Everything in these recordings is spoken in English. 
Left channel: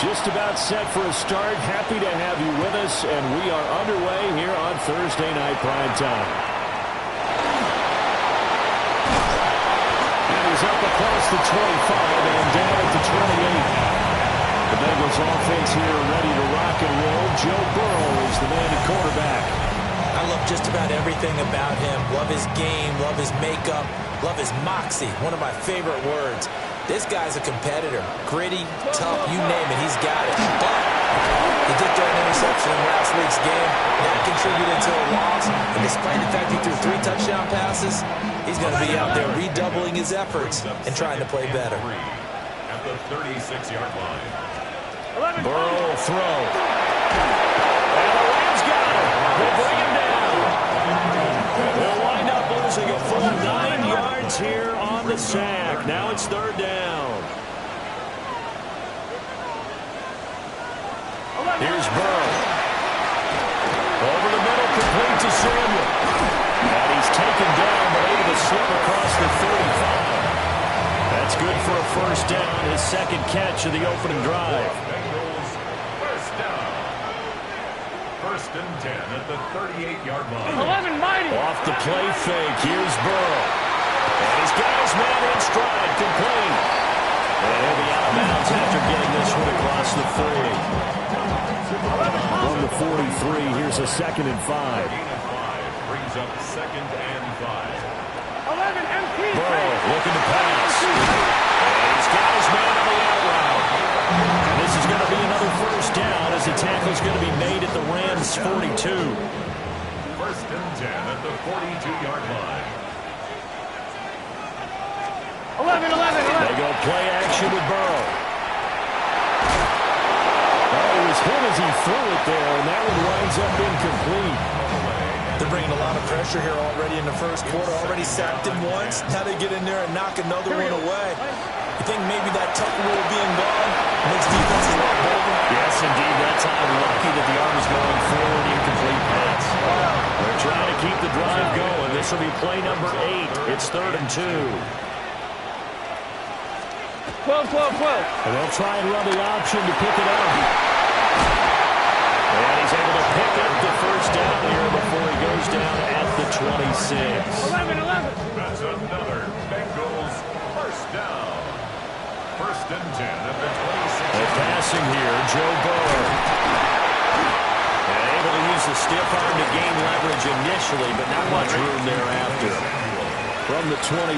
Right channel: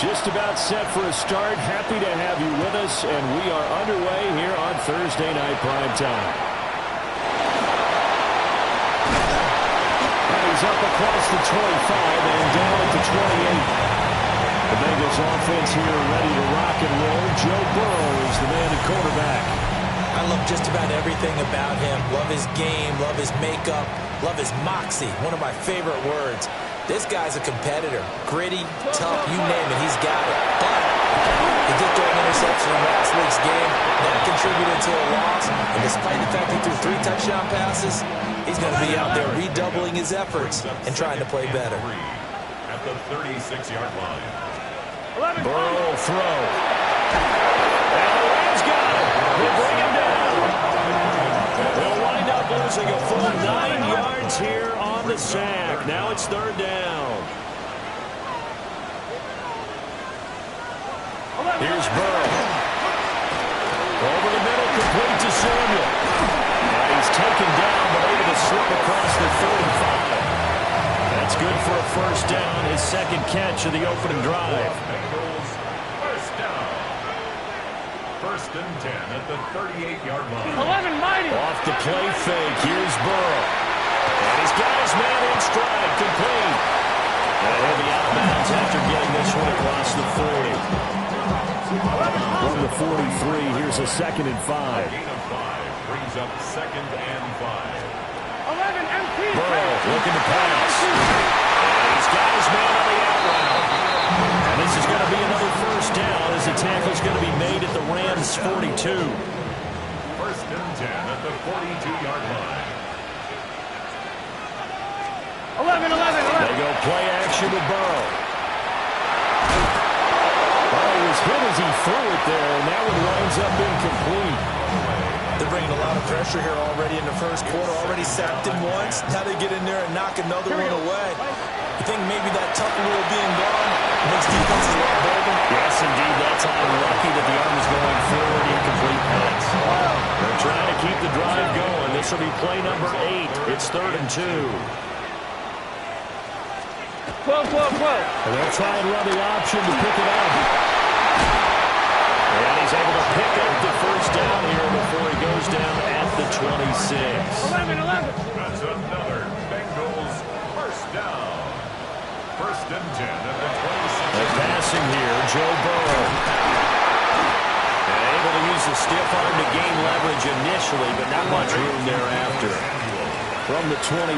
Just about set for a start. Happy to have you with us, and we are underway here on Thursday Night Prime Time. And he's up across the 25 and down at the 28. The Bengals offense here ready to rock and roll. Joe Burrow is the man at quarterback. I love just about everything about him. Love his game, love his makeup, love his moxie. One of my favorite words. This guy's a competitor. Gritty, tough, you name it, he's got it. But he did throw an interception in last week's game. That contributed to a loss. And despite the fact he threw 3 touchdown passes, he's going to be out there redoubling his efforts and trying to play better. At the 36-yard line. Burrow throw. And the Rams got him. They bring him down. They'll wind up losing a full 9 yards here on the sack. Now it's 3rd down. Here's Burrow. Over the middle, complete to Samuel. And he's taken down, but able to slip across the 35. That's good for a 1st down, his 2nd catch of the opening drive. Bengals, 1st down. 1st and 10 at the 38-yard line. 11 mighty. Off the play fake, here's Burrow. And he's got his man in stride, complete. And he'll be out of bounds after getting this one across the 40. From the 43, here's a 2nd and 5. Gain of 5 brings up 2nd and 5. 11 MP. Burrow looking to pass. And he's got his man on the out route. And this is going to be another 1st down as the tackle's going to be made at the Rams' 42. 1st and 10 at the 42-yard line. 11. They go play action with Burrow. Oh, he was hit as he threw it there, and that one winds up incomplete. They're bringing a lot of pressure here already in the 1st quarter. Already sacked him once. Now they get in there and knock another one away. You think maybe that Tucker rule being gone makes defenses a lot bolder? Yes, indeed. That time lucky that the arm was going forward. Incomplete pass. They're trying to keep the drive going. This will be play number 8. It's 3rd and 2. 12. And they'll try and run the option to pick it up. And he's able to pick up the 1st down here before he goes down at the 26. 11. That's another Bengals 1st down. 1st and 10 at the 26. They're passing here, Joe Burrow. And able to use the stiff arm to gain leverage initially, but not much room thereafter. From the 21,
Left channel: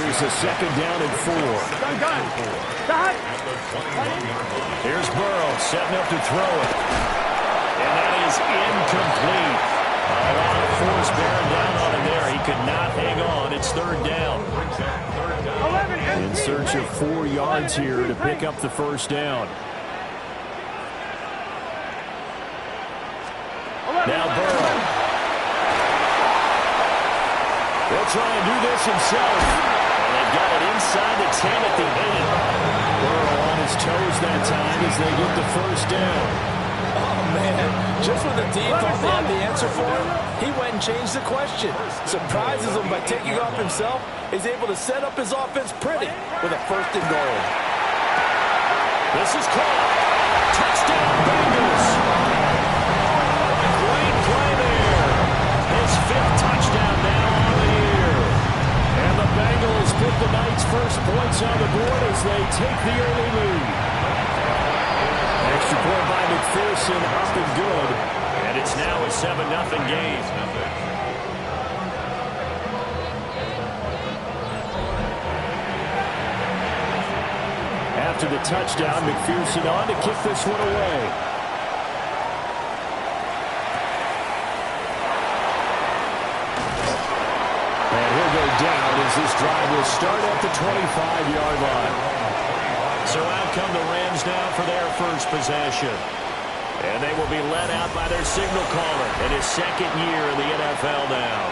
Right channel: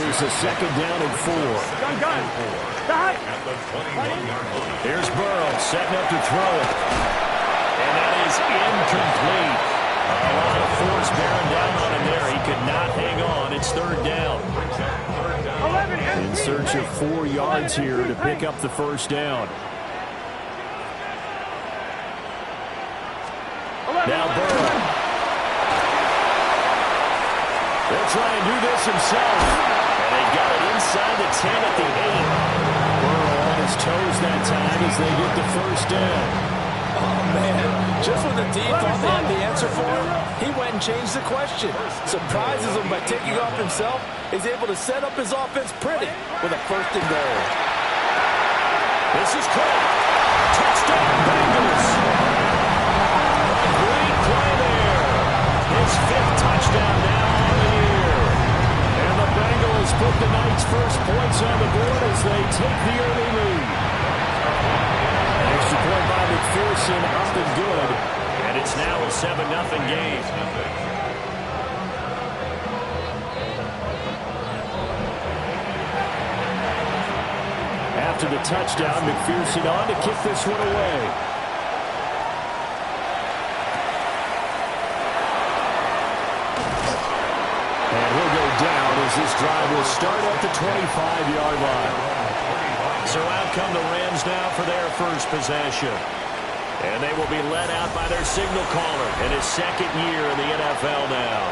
here's a 2nd down and 4. Gun. At the 21-yard line. Here's Burrow setting up to throw it. And that is incomplete. A lot of force bearing down on him there. He could not hang on. It's 3rd down. In search of 4 yards here to pick up the 1st down. Now Burrow. They'll try and do this himself. And they got it inside the 10 at the 8. Burrow on his toes that time as they get the 1st down. Oh, man. Just when the D thought they had the answer for him, he went and changed the question. Surprises him by taking off himself. He's able to set up his offense pretty with a 1st and goal. This is caught. Touchdown, Bengals. A great play there. His 5th touchdown now on the year. And the Bengals put the night's first points on the board as they take the early lead. Extra point by McPherson, up and good. And it's now a 7-0 game. after the touchdown. McPherson on to kick this one away. And he'll go down as this drive will start at the 25-yard line. So out come the Rams now for their first possession. And they will be led out by their signal caller in his second year in the NFL now.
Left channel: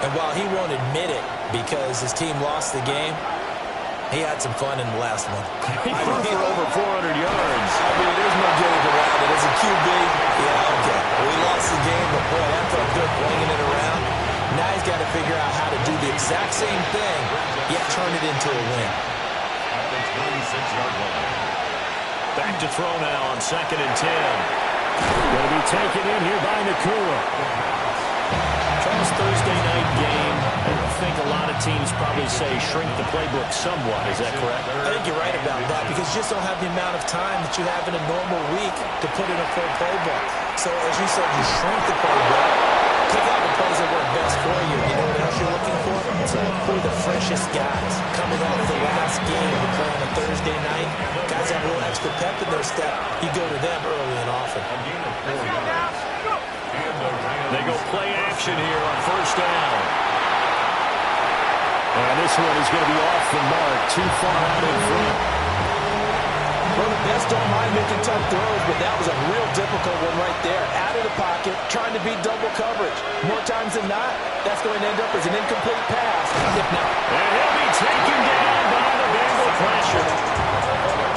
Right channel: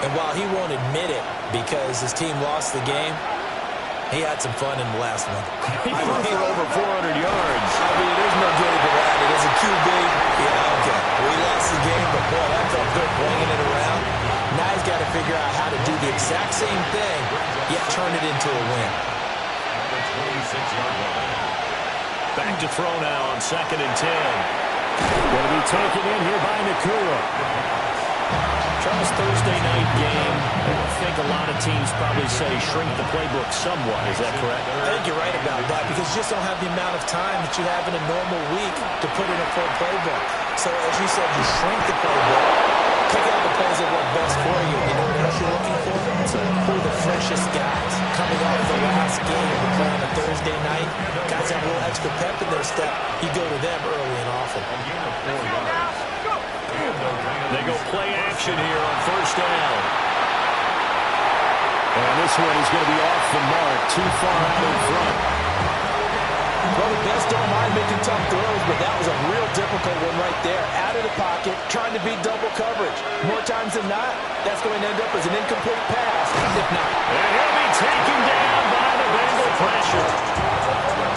And while he won't admit it because his team lost the game, he had some fun in the last one. He threw for over 400 yards. I mean, there's no getting around it. As a QB, yeah, okay. We lost the game, but boy, that felt good bringing it around. Now he's got to figure out how to do the exact same thing, yet turn it into a win. At the 26-yard line. Back to throw now on 2nd and 10. Going to be taken in here by Nakua. Charles, Thursday night game. I think a lot of teams probably say shrink the playbook somewhat. Is that correct? I think you're right about that because you just don't have the amount of time that you have in a normal week to put in a full playbook. So, as you said, you shrink the playbook, pick out the plays that work best for you. You know what else you're looking for? Who are the freshest guys coming off the last game to play on a Thursday night? Guys have a little extra pep in their step. You go to them early and often. A gain of 4 yards. They go play action here on 1st down. And this one is going to be off the mark, too far out in front. Well, the best don't mind making tough throws, but that was a real difficult one right there. Out of the pocket, trying to beat double coverage. More times than not, that's going to end up as an incomplete pass, if not. And he'll be taken down by the Bengal pressure.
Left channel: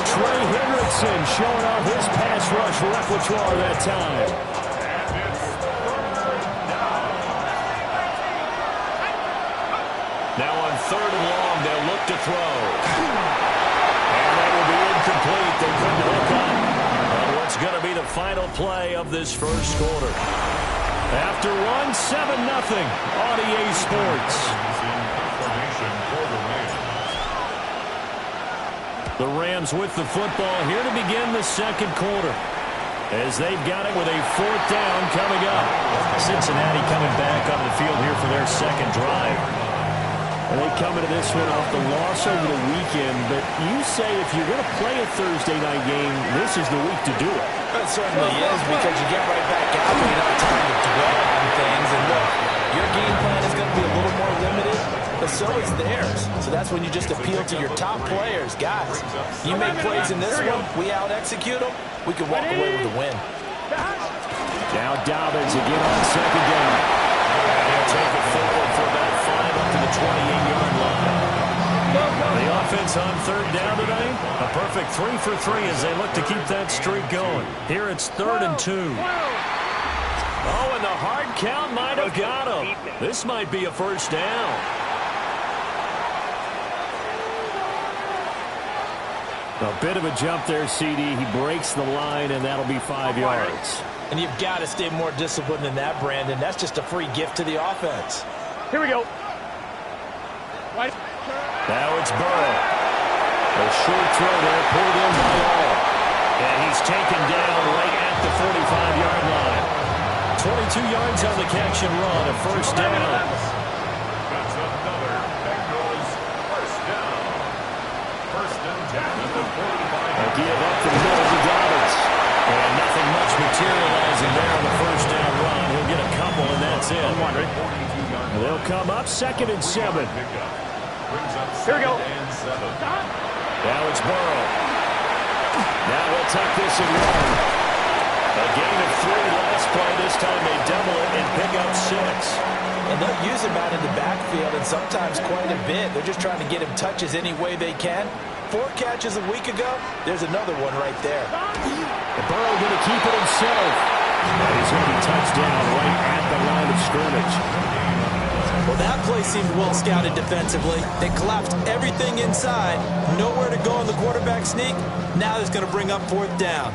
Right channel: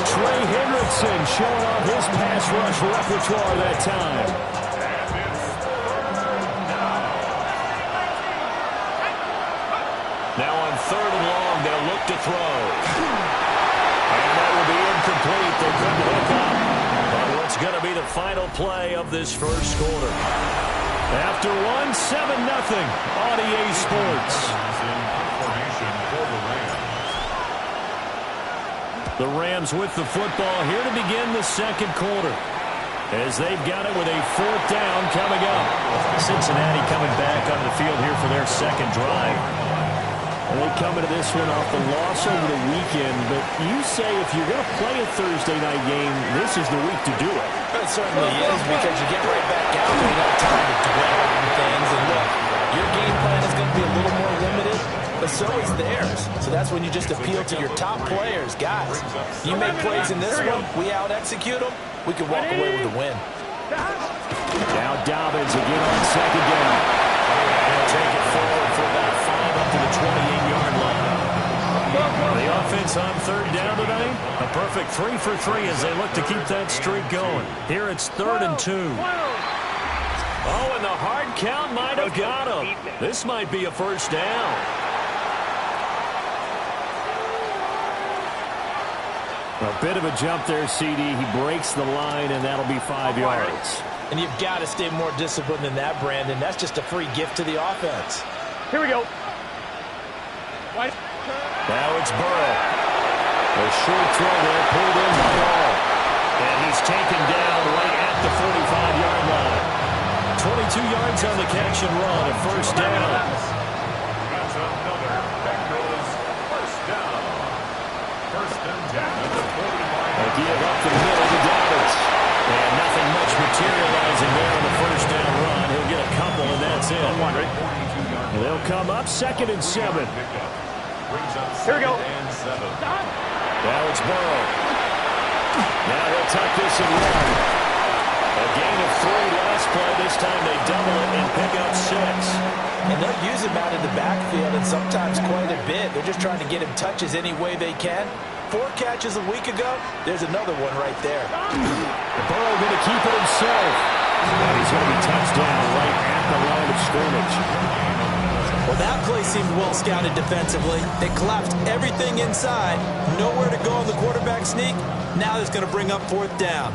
Trey Hendrickson showing off his pass rush repertoire that time. Now on 3rd and long, they'll look to throw. And that will be incomplete. They couldn't hook up. But what's going to be the final play of this first quarter? After one, 7-0 on EA Sports. The Rams with the football here to begin the second quarter. As they've got it with a 4th down coming up. Cincinnati coming back onto the field here for their second drive. And they come into this one off the loss over the weekend. But you say if you're going to play a Thursday night game, this is the week to do it. It certainly is because you get right back out and you don't have time to dwell on things. And look, your game plan is going to be a little more limited, but so is theirs. So that's when you just appeal to your top players. Guys, you make plays in this one, we out-execute them, we can walk away with a win. Now Dobbins again on 2nd down. And he'll take it forward for about 5 up to the 28-yard line. The offense on 3rd down tonight, a perfect 3 for 3 as they look to keep that streak going. Here it's 3rd and 2. Oh, and the hard count might have got him. This might be a 1st down. A bit of a jump there, CD. He breaks the line, and that'll be 5 yards. And you've got to stay more disciplined than that, Brandon. That's just a free gift to the offense. Here we go. Now it's Burrow. A short throw there, pulled in by all. And he's taken down right at the 45-yard line. 22 yards on the catch and run, a 1st down. That's another Bengals 1st down. 1st and 10 at the 45. A give up the middle to Dobbins. And nothing much materializing there on the 1st down run. He'll get a couple, and that's it. They'll come up 2nd and 7. Here we go. Now it's Burrow. Now he'll tuck this and run. A gain of 3 last play. This time they double it and pick up 6. And they'll use him out in the backfield and sometimes quite a bit. They're just trying to get him touches any way they can. 4 catches a week ago. There's another one right there. And Burrow going to keep it himself. And he's going to be touched down right at the line of scrimmage. Well, that play seemed well scouted defensively. They collapsed everything inside. Nowhere to go on the quarterback sneak. Now it's going to bring up 4th down.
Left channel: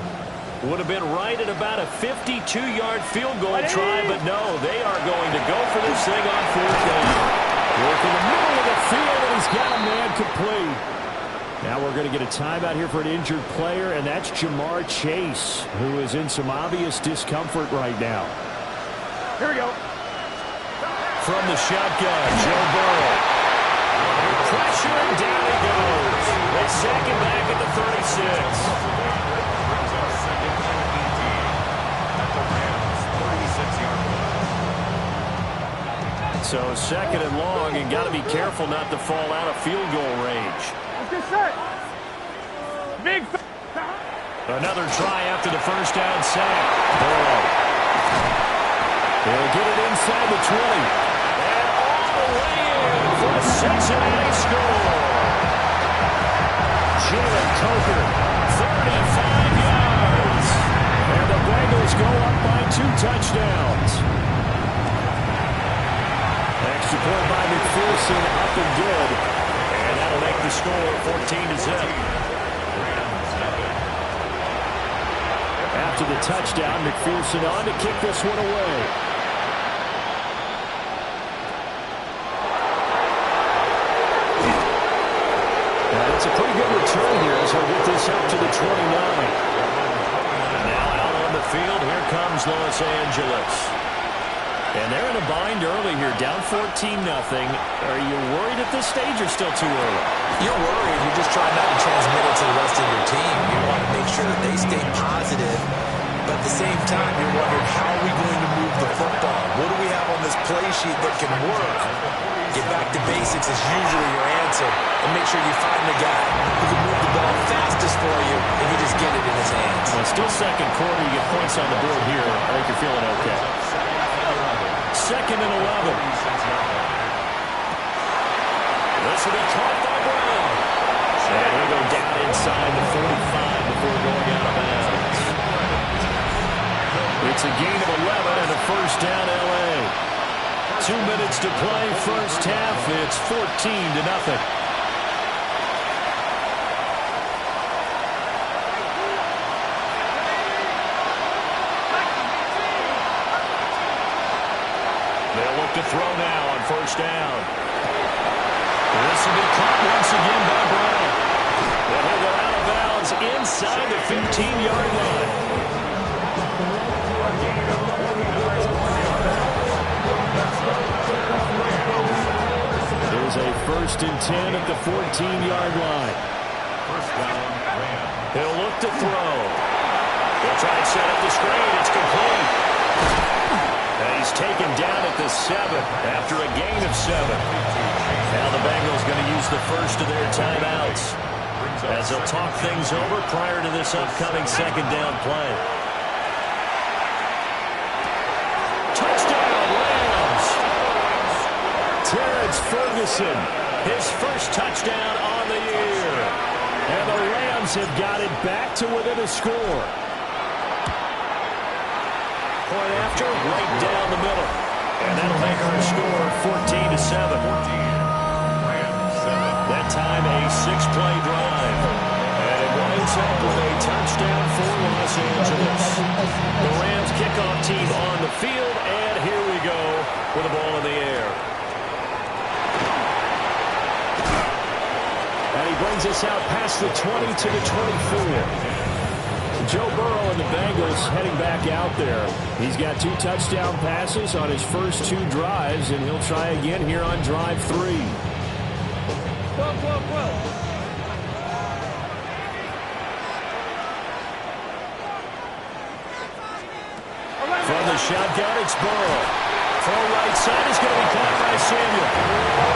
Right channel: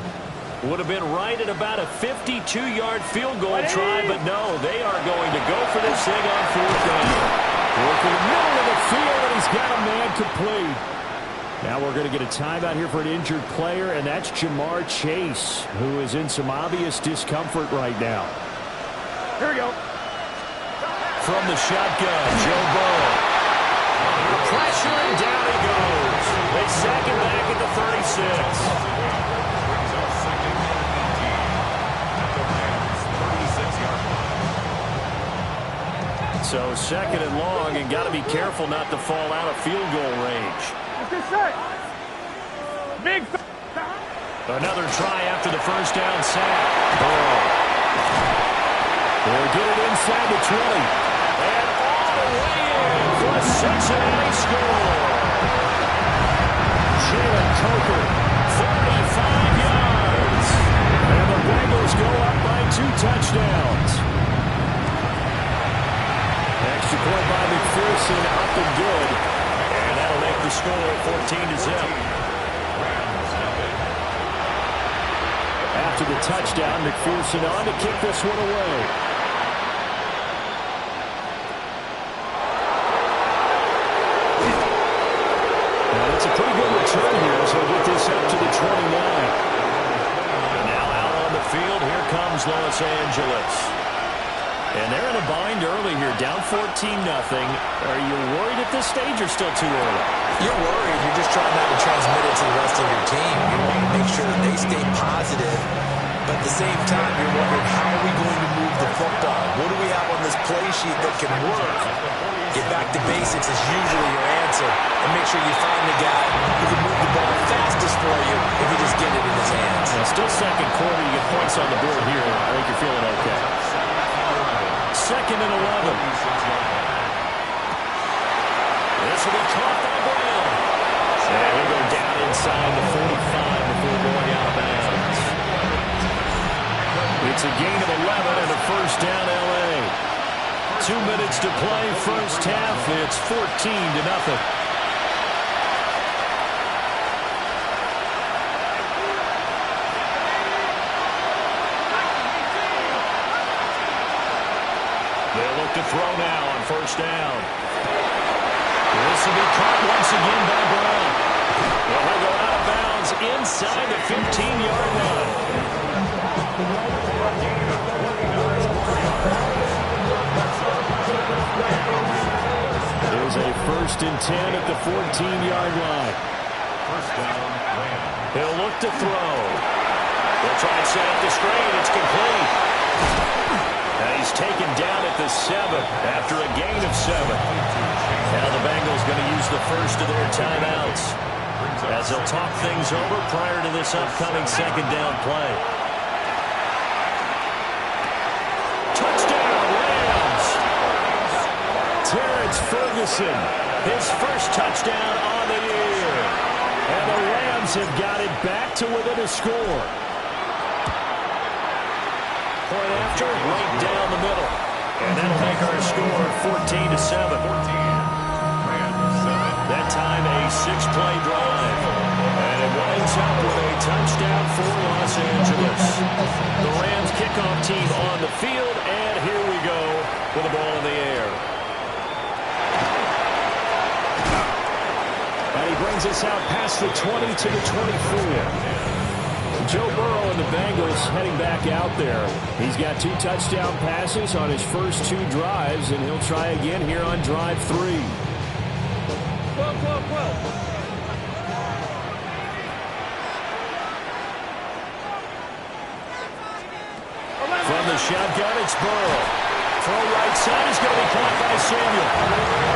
Would have been right at about a 52-yard field goal try, but no, they are going to go for this thing on 4th down. Work in the middle of the field, and he's got a man complete. Now we're going to get a timeout here for an injured player, and that's Jamar Chase, who is in some obvious discomfort right now. Here we go. From the shotgun, Joe Burrow. pressure, and down he goes. They sack him back at the 36. Brings up second and 18 at the Rams' 36-yard line. So second and long, and got to be careful not to fall out of field goal range. Big. Another try after the first down sack. Burrow. They'll get it inside the 20. And all the way in for a Cincinnati score. Jalen Coker, 35 yards. And the Bengals go up by 2 touchdowns. Extra point by McPherson, up and good. And that'll make the score 14-0. After the touchdown, McPherson on to kick this one away. And it's a pretty good return here as he'll get this up to the 29. And now out on the field, here comes Los Angeles. And they're in a bind early here, down 14-0. Are you worried at this stage or still too early? You're worried. You're just trying not to transmit it to the rest of your team. You want to make sure that they stay positive. But at the same time, you're wondering, how are we going to move the football? What do we have on this play sheet that can work? Get back to basics is usually your answer. And make sure you find the guy who can move the ball fastest for you if you just get it in his hands. Well, still second quarter. You get points on the board here. I think you're feeling okay. Second and 11. This will be caught by Brown. And he'll go down inside the 45 before going out of bounds. It's a gain of 11 and a first down L.A. 2 minutes to play first half. It's 14-0. They'll look to throw now on first down. This will be caught once again by Brown. And he'll go out of bounds inside the 15-yard line. There's a first and 10 at the 14-yard line. First down, Rams. He'll look to throw. They'll try and set up the screen. It's complete. And he's taken down at the 7 after a gain of 7. Now the Bengals going to use the first of their timeouts as they'll talk things over prior to this upcoming second down play. Touchdown, Rams! Terrence Ferguson, his first touchdown on the year. And the Rams have got it back to within a score. Point after, right down the middle. And that'll make our score 14-7. That time a 6-play drive. And it winds up with a touchdown for Los Angeles. The Rams kickoff team on the field, and here we go with the ball in the air. And he brings us out past the 20 to the 24. Joe Burrow and the Bengals heading back out there. He's got 2 touchdown passes on his first 2 drives, and he'll try again here on drive 3. 12. From the shotgun, it's Burrow. Throw right side is going to be caught by Samuel.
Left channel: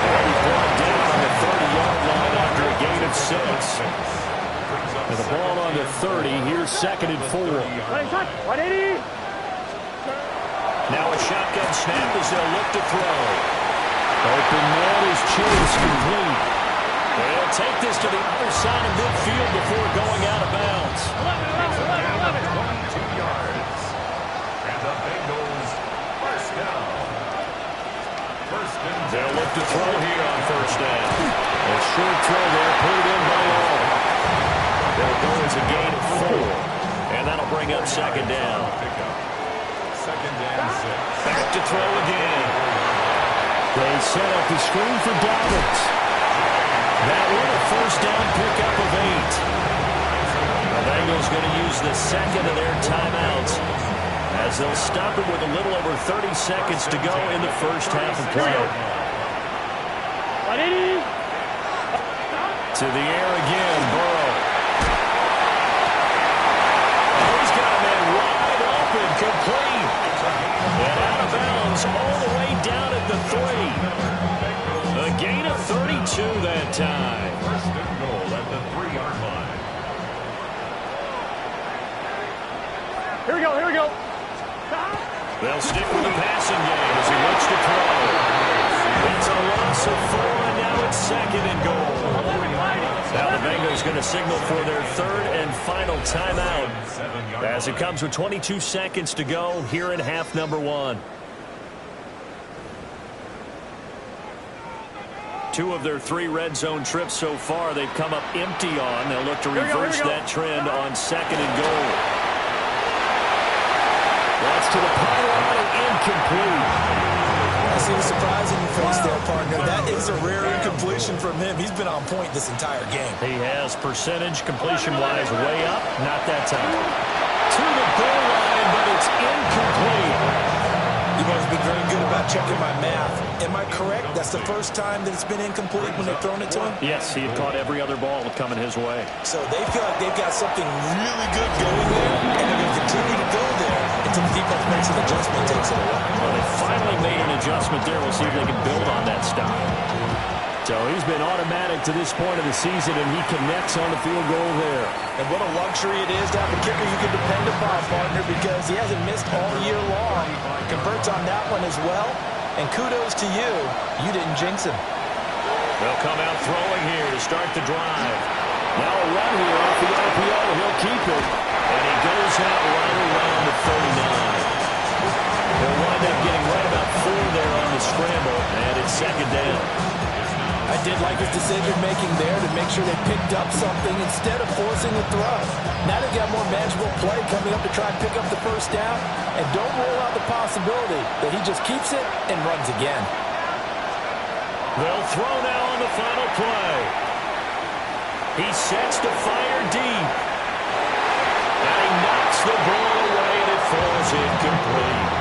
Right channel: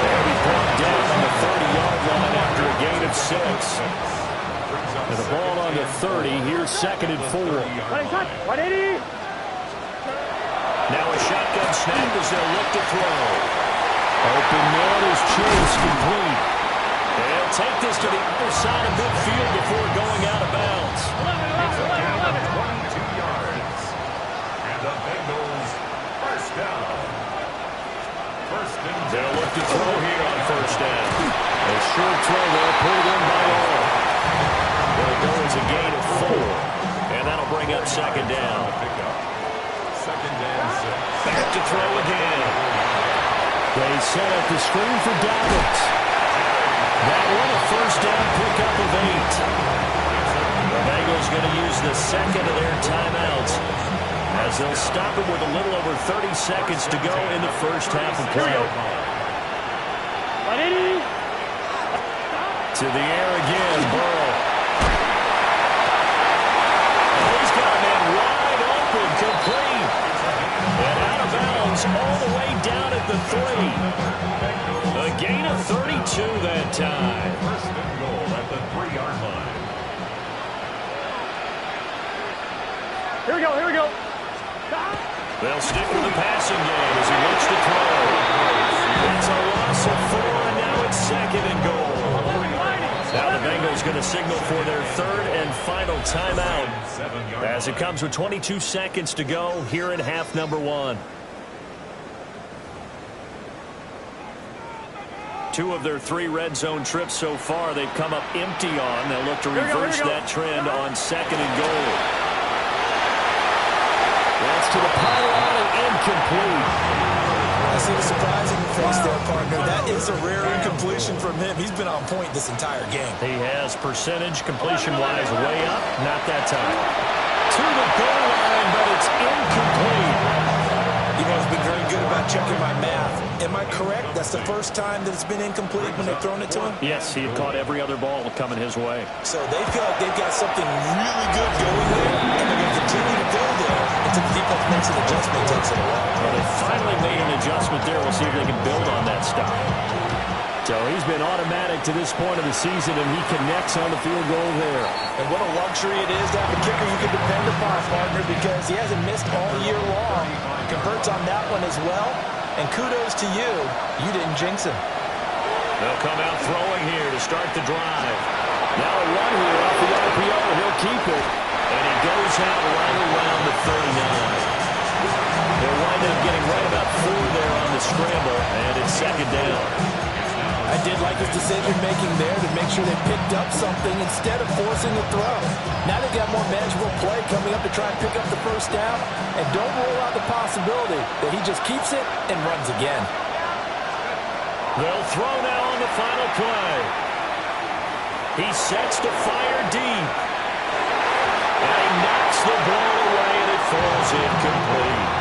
And he's brought down on the 30-yard line after a gain of 6. And the ball on the 30. Here's second and 4. 180. Now a shotgun snap as they'll look to throw. Open man is Chase, complete. They'll take this to the other side of midfield before going out of bounds. 22 yards. And the Bengals first down. First and 10. They'll look to throw here on first down. A short throw there, put it in by all. There it goes, a gain of 4. And that'll bring up second down. Second and 6. Back to throw again. They set up the screen for Dobbins. That one a first down pickup of 8. The Bengals going to use the second of their timeouts as they'll stop it with a little over 30 seconds to go in the first half of play. 180. To the air again, Burrow. Oh, he's got a man wide open, complete. And out of bounds all the way down at the 3. A gain of 32 that time. First and goal at the 3-yard line. Here we go, here we go. They'll stick with the passing game as he looks to throw. It's a loss of 4, and now it's 2nd and goal. Now the Bengals going to signal for their 3rd and final timeout as it comes with 22 seconds to go here in half number 1. 2 of their 3 red zone trips so far they've come up empty on. They'll look to reverse that trend on 2nd and goal. That's to the pylon and incomplete. I see the surprise in your face there, partner. That is a rare incompletion from him. He's been on point this entire game. He has percentage completion-wise way up. Not that time. To the goal line, but it's incomplete. You've always been very good about checking my math. Am I correct? That's the first time that it's been incomplete when they've thrown it to him? Yes, he had caught every other ball coming his way. So they feel like they've got something really good going there, and they're going to continue to go there until the defense makes an adjustment, takes it away. Well, they finally made an adjustment there. We'll see if they can build on that stop. So he's been automatic to this point of the season, and he connects on the field goal there. And what a luxury it is to have a kicker you can depend upon, partner, because he hasn't missed all year long. Converts on that one as well. And kudos to you. You didn't jinx him. They'll come out throwing here to start the drive. Now a run here off the RPO. He'll keep it. And he goes out right around the 39. He'll wind up getting right about 4 there on the scramble, and it's 2nd down. I did like his decision-making there to make sure they picked up something instead of forcing a throw. Now they've got more manageable play coming up to try and pick up the 1st down. And don't rule out the possibility that he just keeps it and runs again. They'll throw now on the final play. He sets to fire deep. And he knocks the ball away, and it falls incomplete.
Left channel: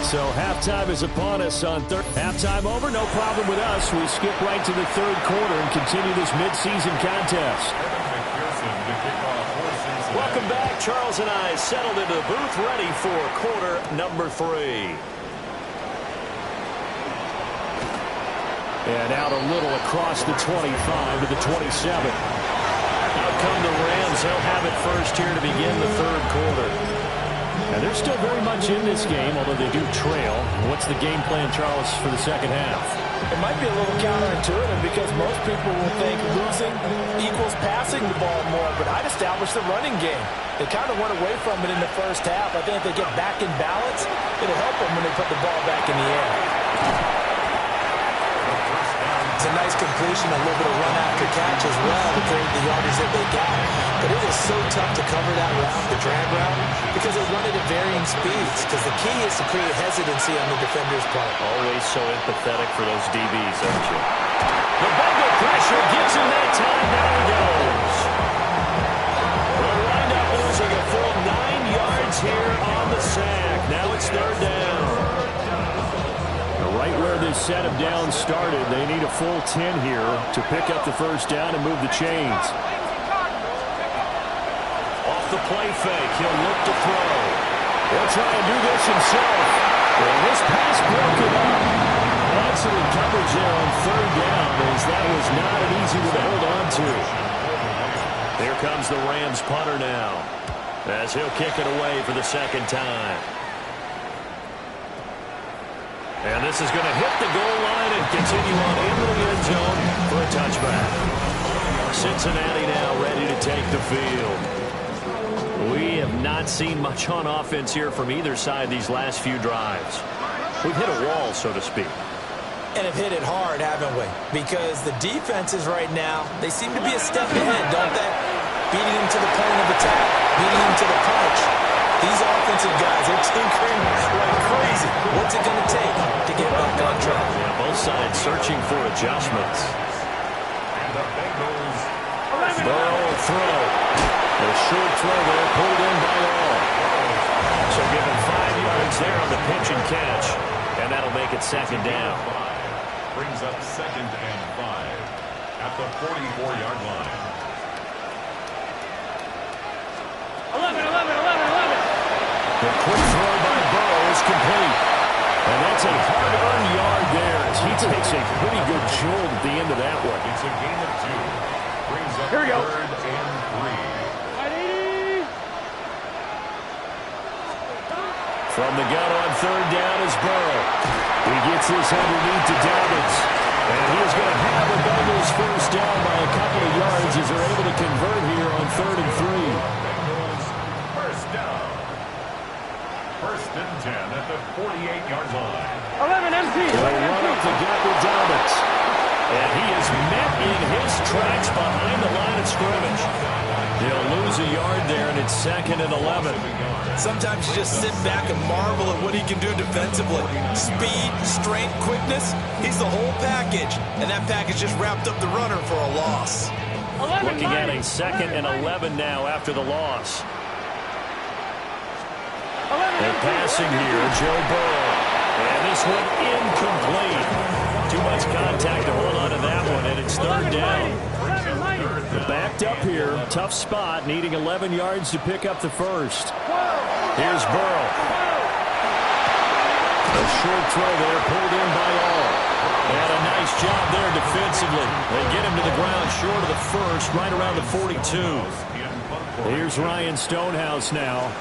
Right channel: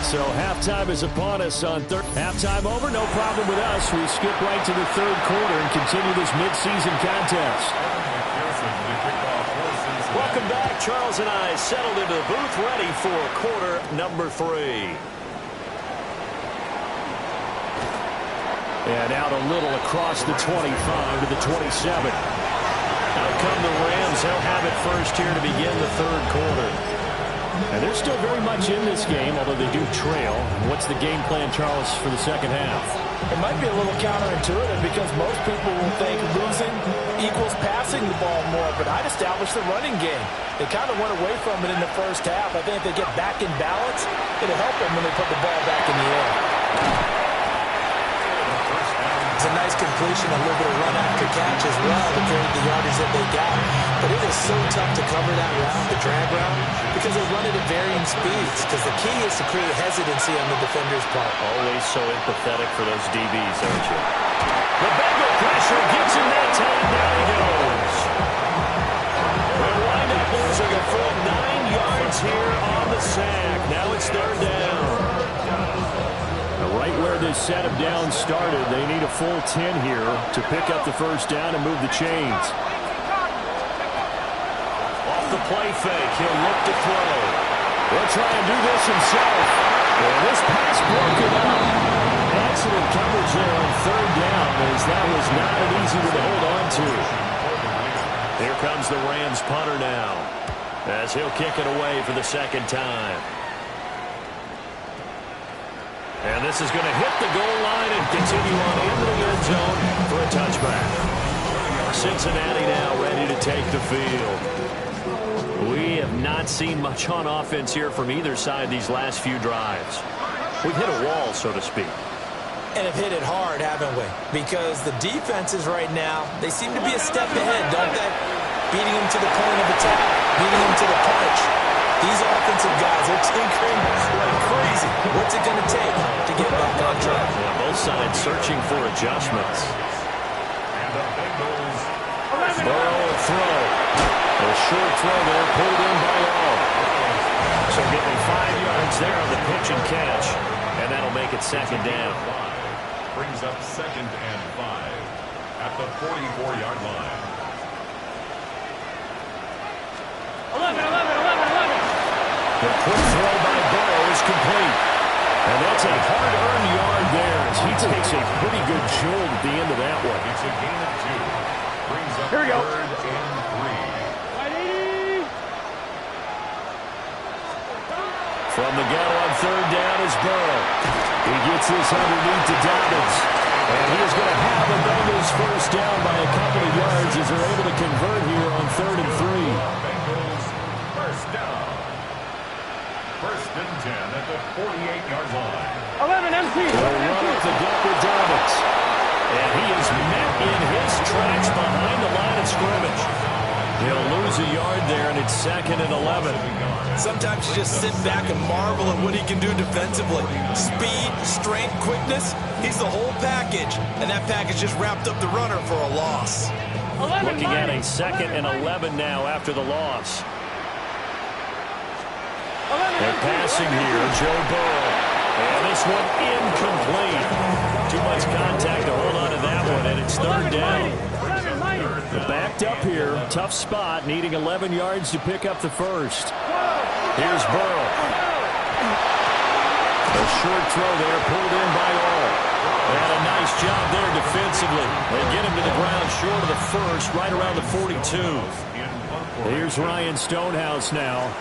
So halftime is upon us on third. Halftime over, no problem with us. We skip right to the 3rd quarter and continue this midseason contest. Welcome back. Charles and I settled into the booth, ready for quarter number 3. And out a little across the 25 to the 27. Out come the Rams. They'll have it first here to begin the 3rd quarter. And they're still very much in this game, although they do trail. What's the game plan, Charles, for the 2nd half? It might be a little counterintuitive because most people will think losing equals passing the ball more, but I'd establish the running game. They kind of went away from it in the 1st half. I think if they get back in balance, it'll help them when they put the ball back in the air. It's a nice completion, a little bit of run after catch as well to create the yardage that they got. But it is so tough to cover that route, the drag route, because they run it at varying speeds. Because the key is to create hesitancy on the defender's part. Always so empathetic for those DBs, aren't you? The Bengal pressure gets him that time. Down he goes. They'll wind up losing a full 9 yards here on the sack. Now it's 3rd down. Right where this set of downs started, they need a full 10 here to pick up the 1st down and move the chains. Off the play fake, he'll look to throw. He'll try and do this himself. And this pass broken up. Excellent coverage there on 3rd down, as that was not an easy one to hold on to. Here comes the Rams punter now, as he'll kick it away for the 2nd time. And this is going to hit the goal line and continue on into the end zone for a touchback. Cincinnati now ready to take the field. We have not seen much on offense here from either side these last few drives. We've hit a wall, so to speak. And have hit it hard, haven't we? Because the defenses right now, they seem to be a step ahead, don't they? Beating them to the point of attack, beating them to the punch. These offensive guys are tinkering like crazy. What's it going to take to get back on track? Yeah, both sides searching for adjustments. And the Bengals. Burrow will throw. A short throw there, pulled in by all. So give him 5 yards there on the pitch and catch. And that'll make it 2nd down. Brings up 2nd and 5. at the 44-yard line. 11, 11, 11, 11. The quick throw by Burrow is complete. And that's a hard-earned yard there as he takes a pretty good jolt at the end of that one. It's a gain of 2. Brings up Here we go. 3rd and 3. 180. From the gun on 3rd down is Burrow. He gets this underneath to Dobbins. And he is going to have a Bengals first down by a couple of yards as they're able to convert here on 3rd and 3. Bengals first down. 1st and 10 at the 48-yard line. 11 empty. They'll 11 run up the empty. gut with Dobbins. And he is met in his tracks behind the line of scrimmage. They'll lose a yard there, and it's 2nd and 11. Sometimes you just sit back and marvel at what he can do defensively. Speed, strength, quickness. He's the whole package. And that package just wrapped up the runner for a loss. 11, Looking at a 90. 2nd and 11 now after the loss. 11 They're empty. passing 11 here, empty. Joe Burrow. And this one incomplete. Too much contact to hold on to that one, and it's 3rd 11, down. 11, 90. They're backed up here. Tough spot, needing 11 yards to pick up the first. Here's Burrow. A short throw there, pulled in by all. And a nice job there defensively. They get him to the ground short of the first, right around the 42. Here's Ryan Stonehouse now,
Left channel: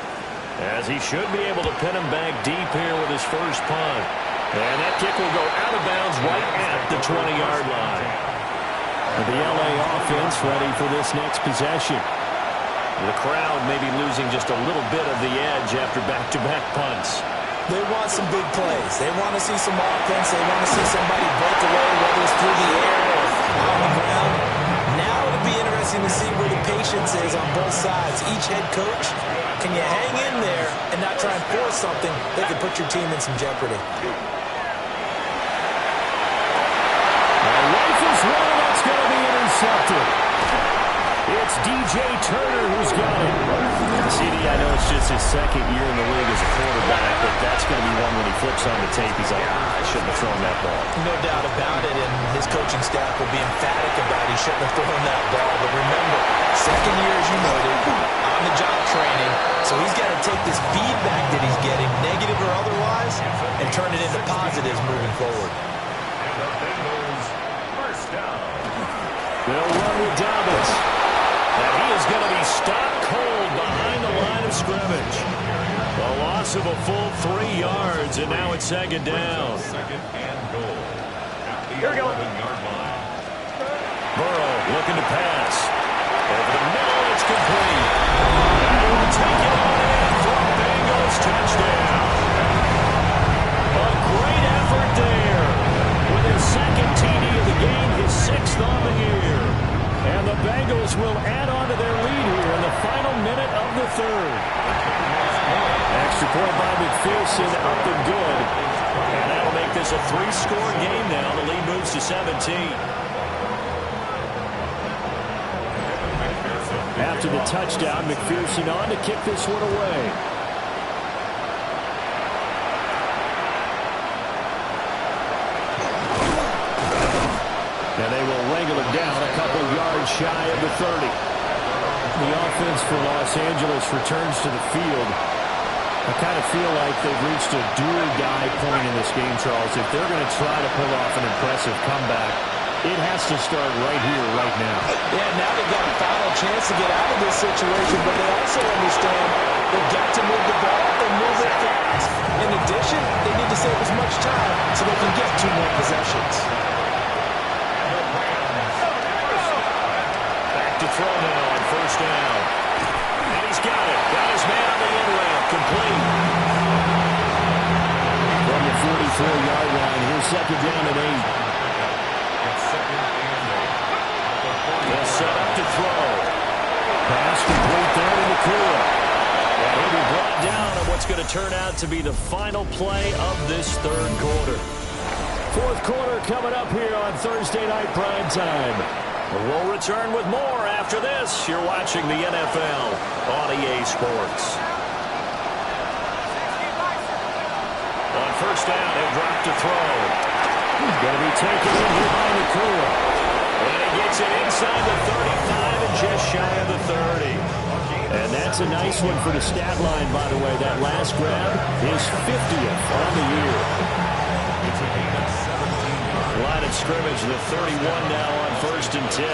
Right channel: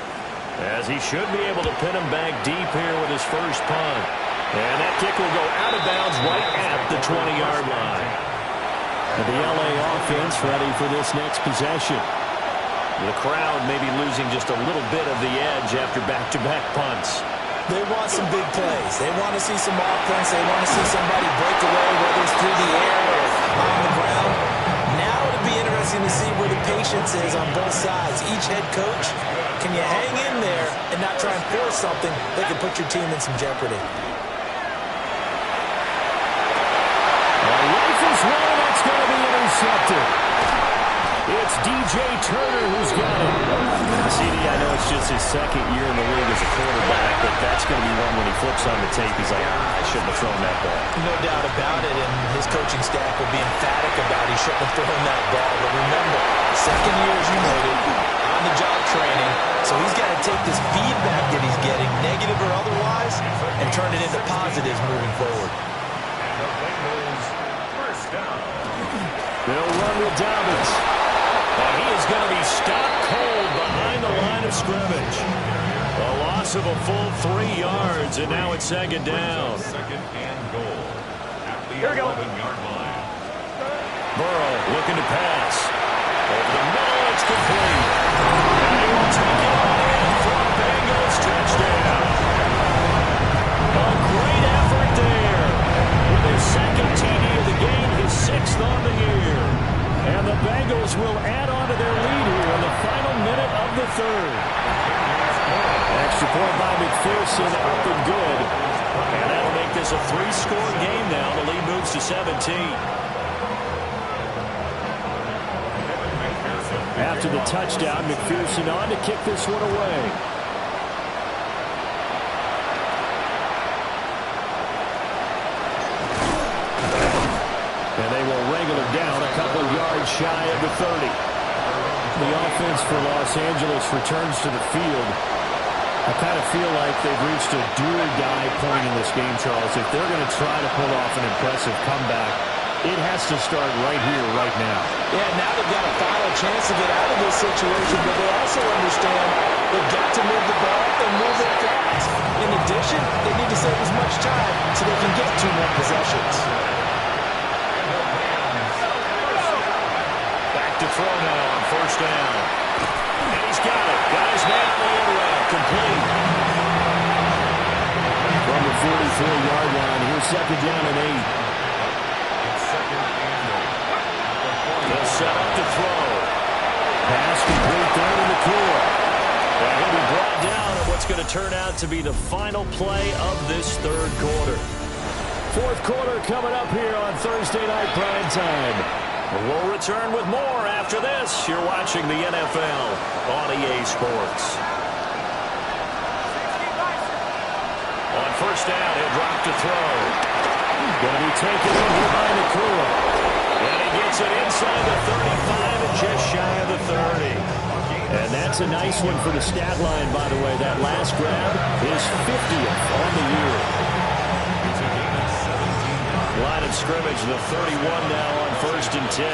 as he should be able to pin him back deep here with his first punt. And that kick will go out of bounds right at the 20-yard line. And the LA offense ready for this next possession. The crowd may be losing just a little bit of the edge after back-to-back punts. They want some big plays. They want to see some offense. They want to see somebody break away, whether it's through the air or on the ground. Now it'll be interesting to see where the patience is on both sides. Each head coach, can you hang in there and not try and force something that could put your team in some jeopardy? Rifles one, and that's going to be intercepted. It's DJ Turner who's got it. CD, I know it's just his 2nd year in the league as a quarterback, but that's going to be one when he flips on the tape. He's like, I shouldn't have thrown that ball. No doubt about it, and his coaching staff will be emphatic about he shouldn't have thrown that ball. But remember, 2nd year, as you noted, on-the-job training, so he's got to take this feedback that he's getting, negative or otherwise, and turn it into positives moving forward. And the Bengals first down. They'll run with Dobbins. And he is going to be stopped cold behind the line of scrimmage. A loss of a full 3 yards, and now it's 2nd down. 2nd and goal at the Here we go. 11-yard line. Burrow looking to pass. Over the middle, it's complete. And he will take it on in for a Bengals touchdown. A great effort there. With his 2nd TD of the game, his 6th on the year. And the Bengals will add on to their lead here in the final minute of the 3rd. Extra point by McPherson, up and good. And that'll make this a 3-score game now. The lead moves to 17. After the touchdown, McPherson on to kick this one away. And they will wrangle it down a couple yards shy of the 30. The offense for Los Angeles returns to the field. I kind of feel like they've reached a do-or-die point in this game, Charles. If they're going to try to pull off an impressive comeback, it has to start right here, right now. Yeah, now they've got a final chance to get out of this situation, but they also understand they've got to move the ball and move it fast. In addition, they need to save as much time so they can get 2 more possessions. To throw now on 1st down. And he's got it. Got his man on the end route. Complete. From the 44-yard line, here's 2nd down and 8. It's 2nd and 8. They'll set up to throw. Pass complete there to Ukfl. And he'll be brought down on what's going to turn out to be the final play of this 3rd quarter. 4th quarter coming up here on Thursday Night Prime Time. We'll return with more after this. You're watching the NFL on EA Sports. On 1st down, he'll drop to throw. He's going to be taken in here by Ukfl. And he gets it inside the 35 and just shy of the 30. And that's a nice one for the stat line, by the way. That last grab is 50th on the year. It's a gain of 17 yards. Line of scrimmage, the 31 now on 1st and 10.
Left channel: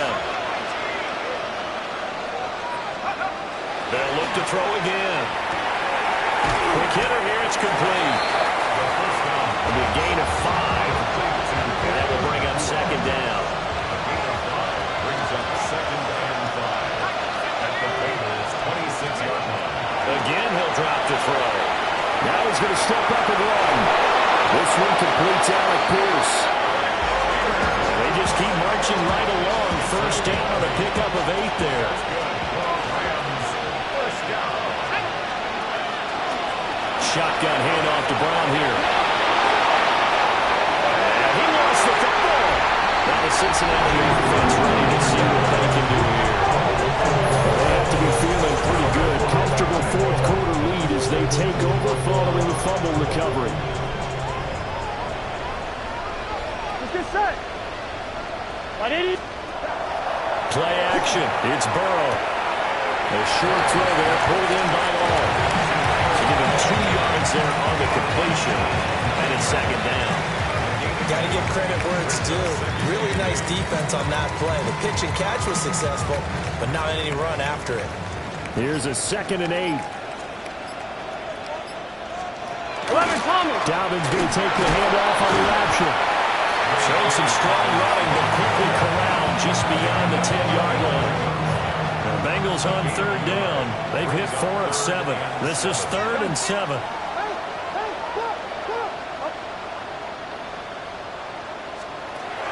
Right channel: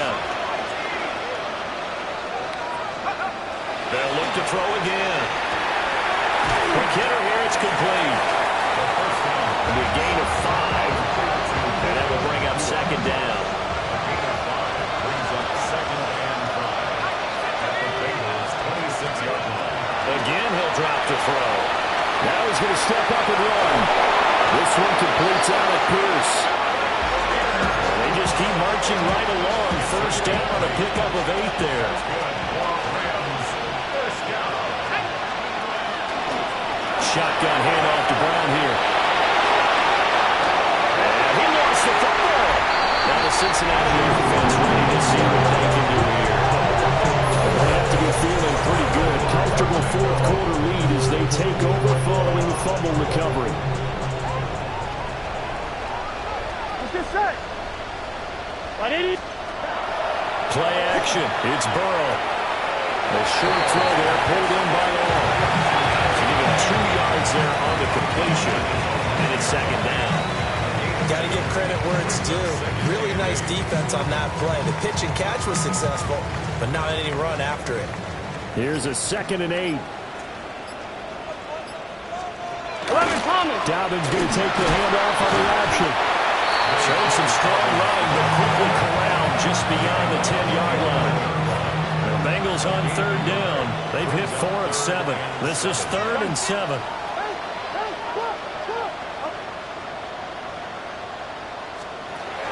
They'll look to throw again. Quick hitter here, it's complete. The first down. It'll be a gain of 5, and that will bring up 2nd down. A gain of 5 brings up 2nd and 5 at the Bengals' 26-yard line. Again, he'll drop to throw. Now he's going to step up and run. This one completes Alec Pierce. And they just keep marching right along. 1st down on a pickup of 8 there. Good for Rams. First down. Shotgun handoff to Brown here. And he lost the football. Now the Cincinnati offense ready to see what they can do here. They have to be feeling pretty good. Comfortable 4th quarter lead as they take over following the fumble recovery. Let's get set. What did he? Play action. It's Burrow. A short throw there pulled in by all. To give him 2 yards there on the completion. And it's 2nd down. Got to give credit where it's due. Really nice defense on that play. The pitch and catch was successful, but not any run after it. Here's a 2nd and 8. 11 Thomas. Dalvin's going to take the handoff on the option. Showed some strong running, but quickly corralled just beyond the 10-yard line. The Bengals on 3rd down. They've hit 4 of 7. This is 3rd and 7.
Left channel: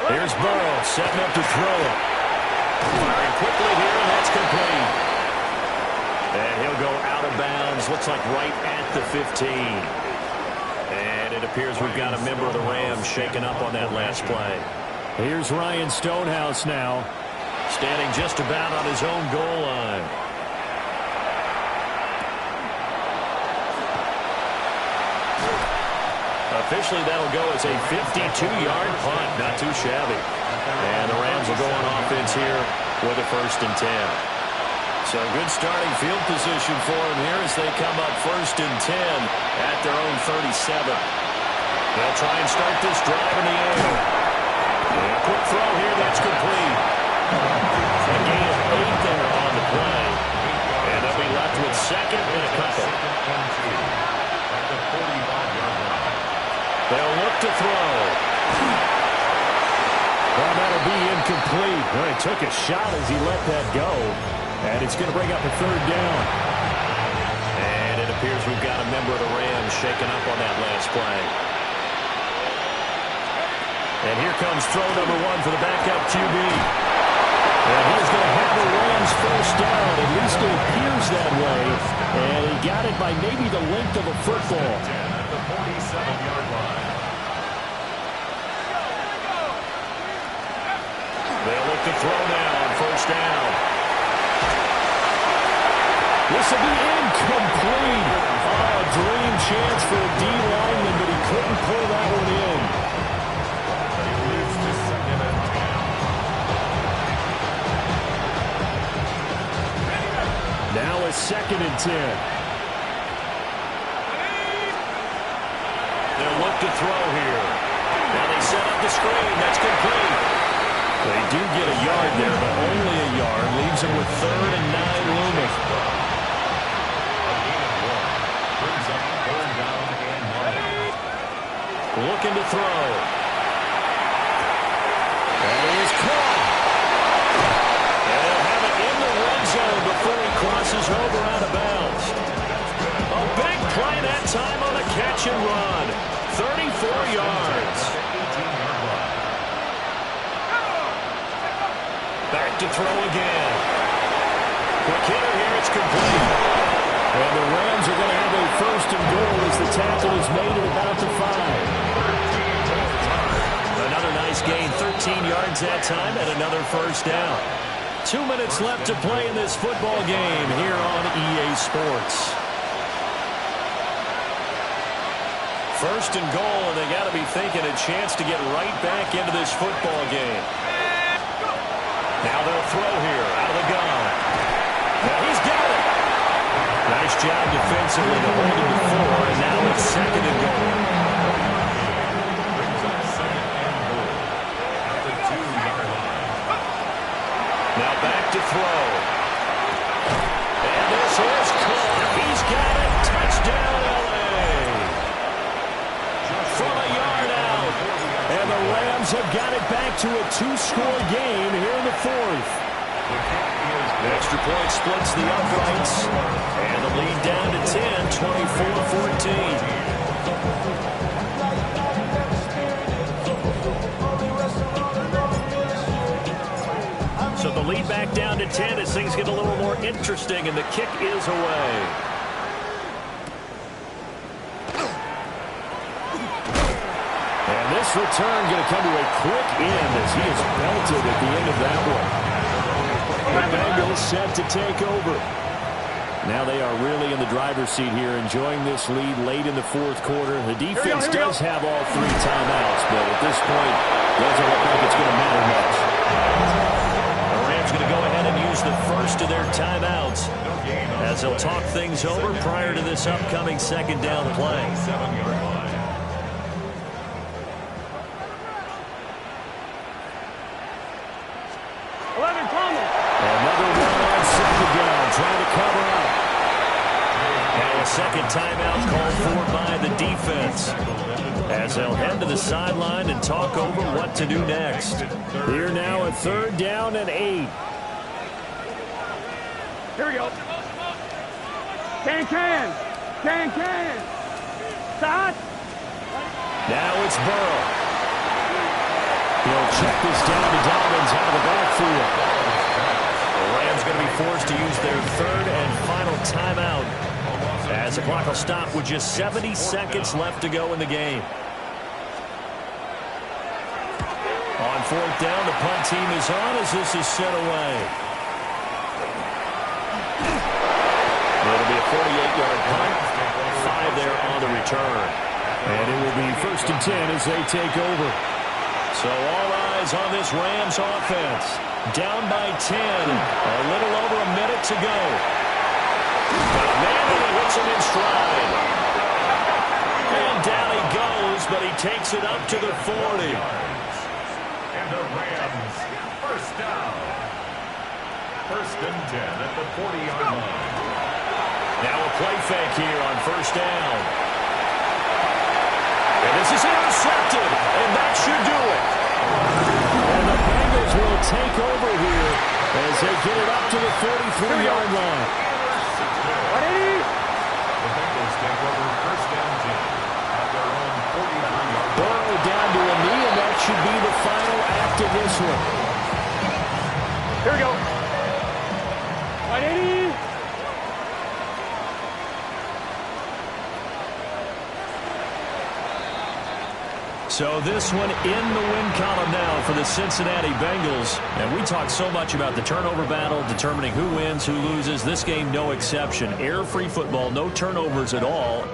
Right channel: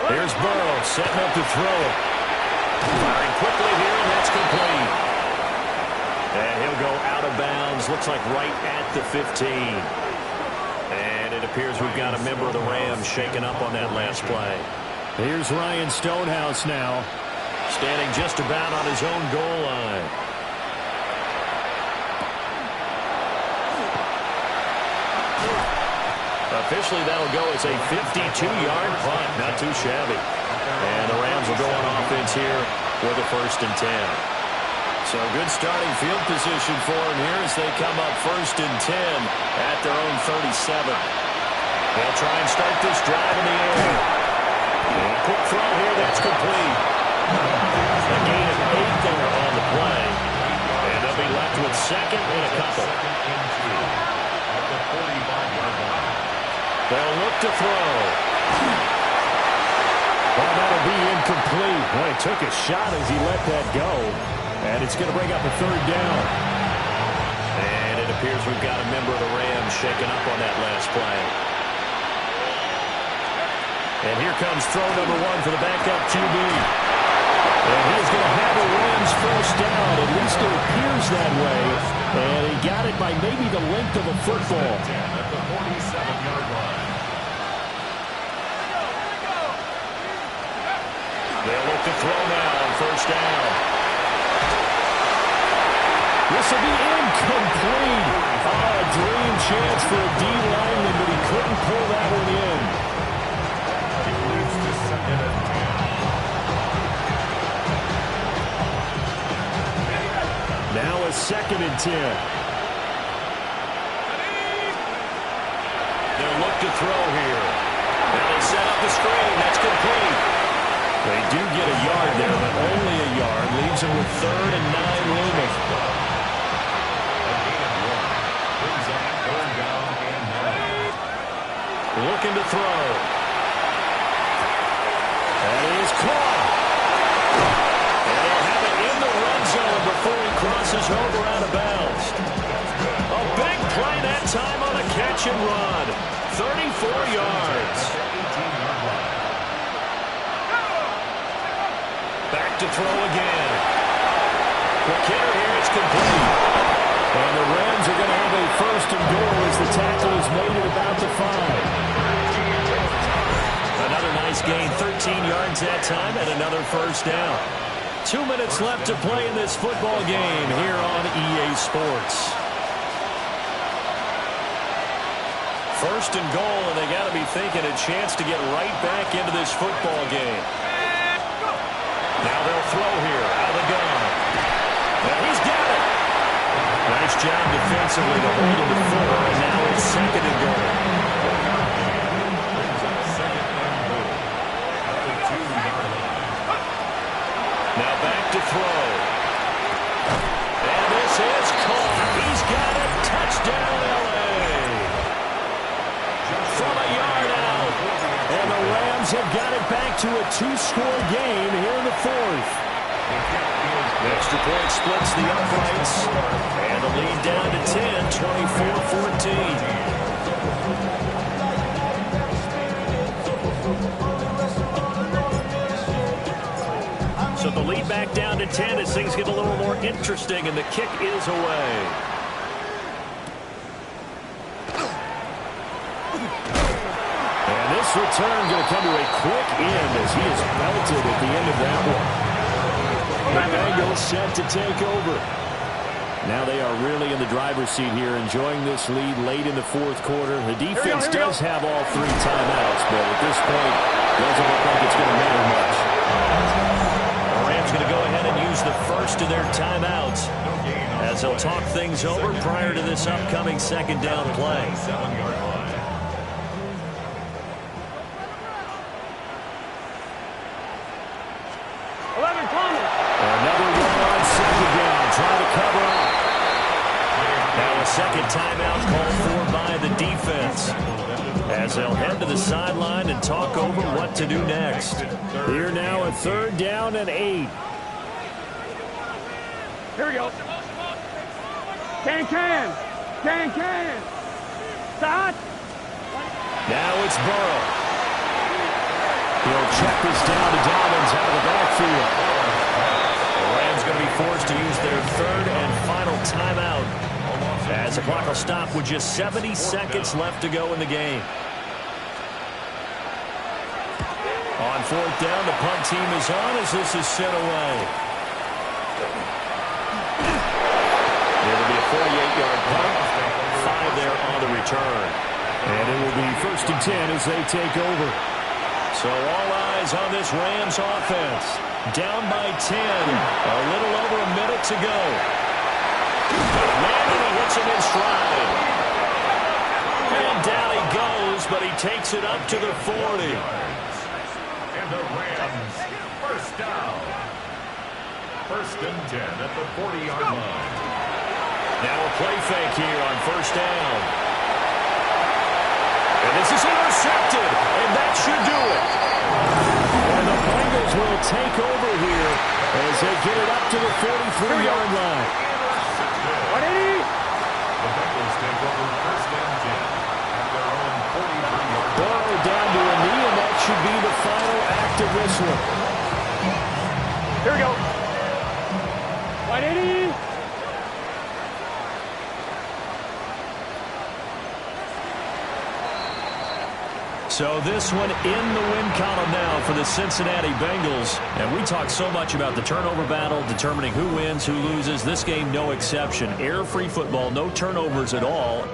Here's Burrow setting up to throw it. Firing quickly here, and that's complete. And he'll go out of bounds. Looks like right at the 15. And it appears we've got a member of the Rams shaken up on that last play. Here's Ryan Stonehouse now. Standing just about on his own goal line. Officially, that'll go as a 52-yard punt. Not too shabby. And the Rams will go on offense here with a 1st and 10. So good starting field position for them here as they come up 1st and 10 at their own 37. They'll try and start this drive in the air. And a quick throw here, that's complete. A gain of 8 there on the play. And they'll be left with 2nd and a couple. At the 45-yard line. They'll look to throw. Well, that'll be incomplete. Well, he took a shot as he let that go. And it's going to bring up a 3rd down. And it appears we've got a member of the Rams shaken up on that last play. And here comes throw number 1 for the backup QB. And he's going to have a Rams 1st down. At least it appears that way. And he got it by maybe the length of a football. 10 at the 47-yard line. They'll look to throw now on 1st down. This will be incomplete. Oh, a dream chance for a D lineman, but he couldn't pull that one in. It leads to 2nd and 10. Now a 2nd and 10. They'll look to throw here. Now they set up the screen. That's complete. They do get a yard there, but only a yard. Leaves them with 3rd and 9 looming. A gain of 1 brings up 3rd down and 9. Looking to throw. That is caught. And they'll have it in the red zone before he crosses over out of bounds. A big play that time on a catch and run. 34 yards. Back to throw again. Quick hitter here, it's complete. And the Rams are going to have a 1st and goal as the tackle is made at about the 5. Another nice gain, 13 yards that time, and another 1st down. 2 minutes left to play in this football game here on EA Sports. 1st and goal, and they got to be thinking a chance to get right back into this football game. Now they'll throw here out of the gun. Now he's got it. Nice job defensively to hold him to 4, and now it's 2nd and goal. Brings up 2nd and goal at the 2-yard line. Now back to throw. And this is caught. He's got it. Touchdown, L.A. From a yard out. And the Rams have got it back to a 2-score game here in the 4th. The extra point splits the uprights. And the lead down to 10, 24-14. So the lead back down to 10 as things get a little more interesting, and the kick is away. And this return going to come to a quick end as he is belted at the end of that one. The Bengals set to take over. Now they are really in the driver's seat here, enjoying this lead late in the 4th quarter. The defense does have all 3 timeouts, but at this point, doesn't look like it's going to matter much. The Rams going to go ahead and use the first of their timeouts as they'll talk things over prior to this upcoming 2nd down play. 7-yard line. Another run on 2nd down, trying to cover up. Now a 2nd timeout called for by the defense as they'll head to the sideline and talk over what to do next. Here now a 3rd down and 8. Here we go. Can. Start. Now it's Burrow. He'll check this down to Dobbins out of the backfield. The Rams going to be forced to use their 3rd and final timeout as the clock will stop with just 70 seconds left to go in the game. On 4th down, the punt team is on as this is sent away. It'll be a 48-yard punt, 5 there on the return. And it will be 1st and 10 as they take over. So all eyes on this Rams offense. Down by 10. A little over a minute to go. Got a man and he hits him in stride. And down he goes, but he takes it up to the 40. And the Rams, 1st down. 1st and 10 at the 40-yard line. Now a play fake here on 1st down. And this is intercepted, and that should do it. And the Bengals will take over here as they get it up to the 43-yard line. The Bengals take over 1st and 10 at their own 43-yard line. Burrow down to a knee, and that should be the final act of this one. Here we go. 180. So this one in the win column now for the Cincinnati Bengals. And we talked so much about the turnover battle, determining who wins, who loses. This game, no exception. Error-free football, no turnovers at all.